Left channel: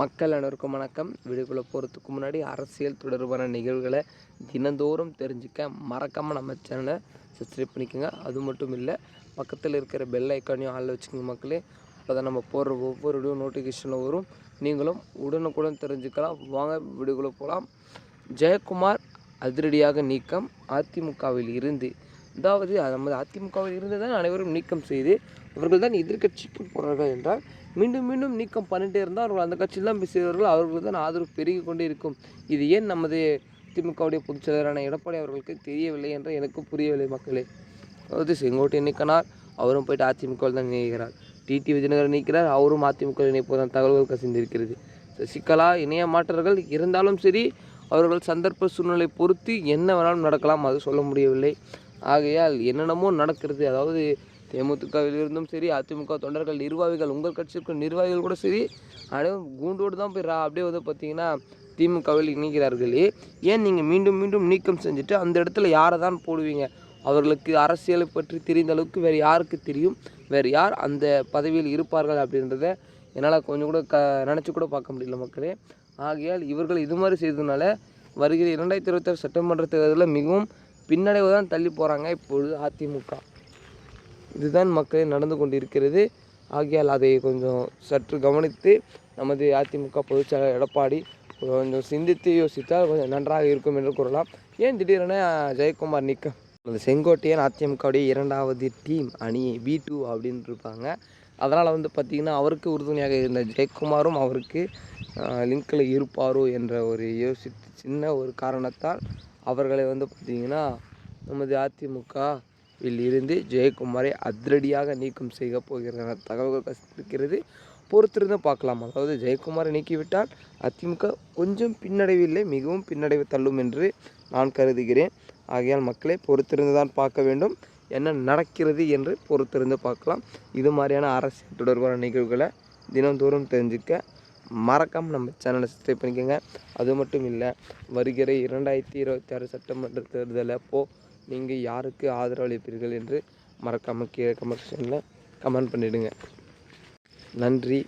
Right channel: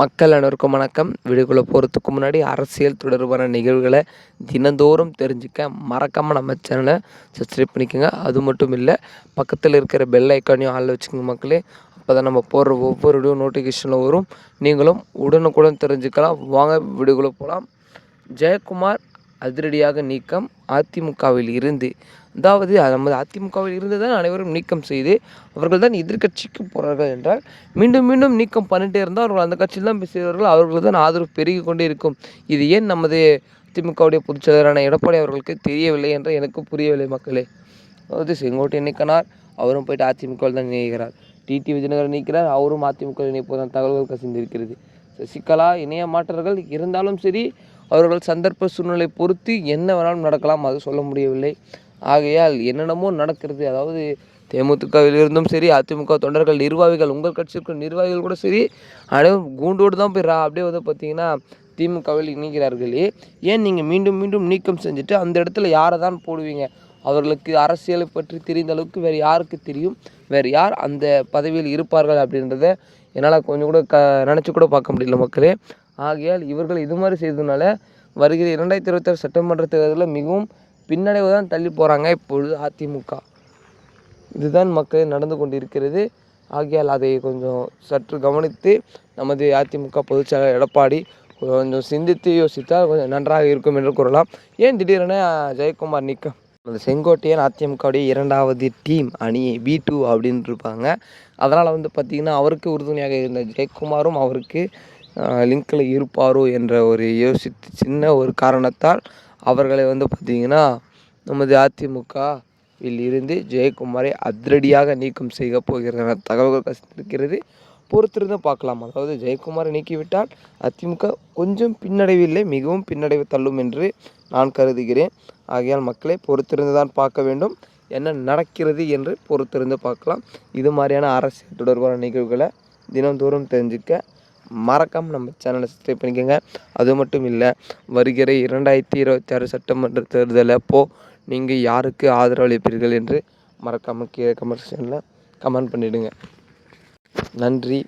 மக்கள் அனைவருக்கும் வணக்கம். வீடியோக்குள்ளே போகிறதுக்கு முன்னாடி அரசியல் தொடர்பான நிகழ்வுகளை தினந்தோறும் தெரிஞ்சுக்க மறக்காமல் நம்ம சேனலை சப்ஸ்கிரைப் பண்ணிக்கோங்க. அது மட்டும் இல்லை பக்கத்தில் இருக்கிற பெல் ஐக்கானையும் ஆளில் வச்சுக்கோங்க மக்களே. அப்போ தான் நம்ம போடுற ஒவ்வொரு வீடியோ நோட்டிஃபிகேஷனில் வரும். நீங்களும் உடனுக்குடன் தெரிஞ்சுக்கலாம். வாங்க வீடியோக்குள்ளே போகலாம் ஜெயக்குமார் அதிரடியாக நீக்கம். அதிமுகவில் இருந்து அதாவது நமது அதிமுகவில் இருந்து தான் அனைவரும் நீக்கம் செய்து அவர்கள் தான் எதிர்கட்சிக்கு போகிறார்கள் என்றால் மீண்டும் மீண்டும் நீக்கம் பண்ணிட்டே இருந்தால் அவர்கள் அந்த கட்சியில் தான் பேசுகிறார்கள் அவர்கள் தான் ஆதரவு பெருகி கொண்டே இருக்கும். இது ஏன் நமது திமுகவுடைய பொதுச் செயலரான எடப்பாடி அவர்களுக்கு தெரியவில்லை என்று எனக்கு புரியவில்லை மக்களே. அதாவது செங்கோட்டை நீக்கினார் அவரும் போயிட்டு அதிமுகவில் தான் இணைகிறார் டிடி விஜயநகர் நீக்கிறார் அவரும் அதிமுக இணைப்பதான் தகவல்கள் கசிந்திருக்கிறது. சசிகலா இணைய மாற்றர்கள் இருந்தாலும் சரி அவர்கள் சந்தர்ப்ப சூழ்நிலை பொறுத்து என்ன வேணாலும் நடக்கலாம் அது சொல்ல முடியவில்லை. ஆகையால் என்னென்னமோ நடக்கிறது. அதாவது தேமுதிகவிலிருந்தும் சரி அதிமுக தொண்டர்கள் நிர்வாகிகள் உங்கள் கட்சிக்கு நிர்வாகிகள் கூட சரி அனைவரும் கூண்டோடு தான் போய் அப்படியே வந்து பார்த்தீங்கன்னா திமுகவில் இணைகிறார்களே. ஏன் நீங்கள் மீண்டும் மீண்டும் நீக்கம் செஞ்சுட்டு அந்த இடத்துல யாரை தான் போடுவீங்க? அவர்களுக்கு அரசியலை பற்றி தெரிந்த அளவுக்கு வேறு யாருக்கு தெரியும்? வேறு யார் அந்த பதவியில் இருப்பார்கள் அப்படின்றத என்னால் கொஞ்சம் கூட க நினச்சி கூட பார்க்க முடியல மக்களே. ஆகையால் இவர்கள் இது மாதிரி செய்ததுனால வருகிற இரண்டாயிரத்தி இருபத்தாறு சட்டமன்ற தேர்தலில் மிகவும் பின்னடைவு தான் தள்ளி போகிறாங்க இப்பொழுது அதிமுக. இதுதான் மக்கள் நடந்து கொண்டிருக்கிறது. ஆகையால் அதை கொஞ்சம் சற்று கவனித்து நமது அதிமுக பொதுச்செயலாளர் எடப்பாடி கொஞ்சம் சிந்தித்து யோசித்தால் கொஞ்சம் நன்றாக இருக்கும் என்று கூறலாம். ஏன் திடீரென ஜெயக்குமார் நீக்கம்? அந்த செங்கோட்டையன் அதிமுகவுடைய இரண்டாவது டீம் அணி பி டூ அப்படின்னு இருப்பாங்க அதனால் வந்து பார்த்திங்கன்னா அவருக்கு உறுதுணையாக இருந்த ஜெயக்குமாரும் அவருக்கு லிங்கில் இருப்பாரோ என்ற ஒரு யோசித்து சின்ன ஒரு காரணத்தால் அவர்களை வந்து பார்த்திங்கன்னா நமது அதிமுகவில் இருந்து ஜெயக்குமாரை அதிரடியாக நீக்கம் செய்ய போகிறதான தகவல்கள் கசிந்திருக்கிறது. பொறுத்திருந்து பார்க்கலாம். அதாவது ஜெயக்குமாரை நீக்கிவிட்டால் அதிமுக கொஞ்சம் பின்னடைவில்லை மிகவும் பின்னடைவு தள்ளும் என்று நான் கருதுகிறேன். ஆகையால் மக்களை பொறுத்திருந்து தான் பார்க்க வேண்டும். என்ன நடக்கிறது என்று பொறுத்திருந்து பார்க்கலாம். இது மாதிரியான அரசியல் தொடர்பான நிகழ்வுகளை தினந்தோறும் தெரிஞ்சுக்க மறக்காமல் நம்ம சேனலை சப்ஸ்கிரைப் பண்ணிக்கோங்க. அது மட்டும் இல்லை வருகிற இரண்டாயிரத்தி இருபத்தி ஆறு சட்டமன்ற தேர்தல் அப்போது நீங்கள் யாருக்கு ஆதரவு அளிப்பீர்கள் என்று மறக்காமல் கீழே கமெண்ட் செக்ஷனில் கமெண்ட் பண்ணிவிடுங்க நன்றி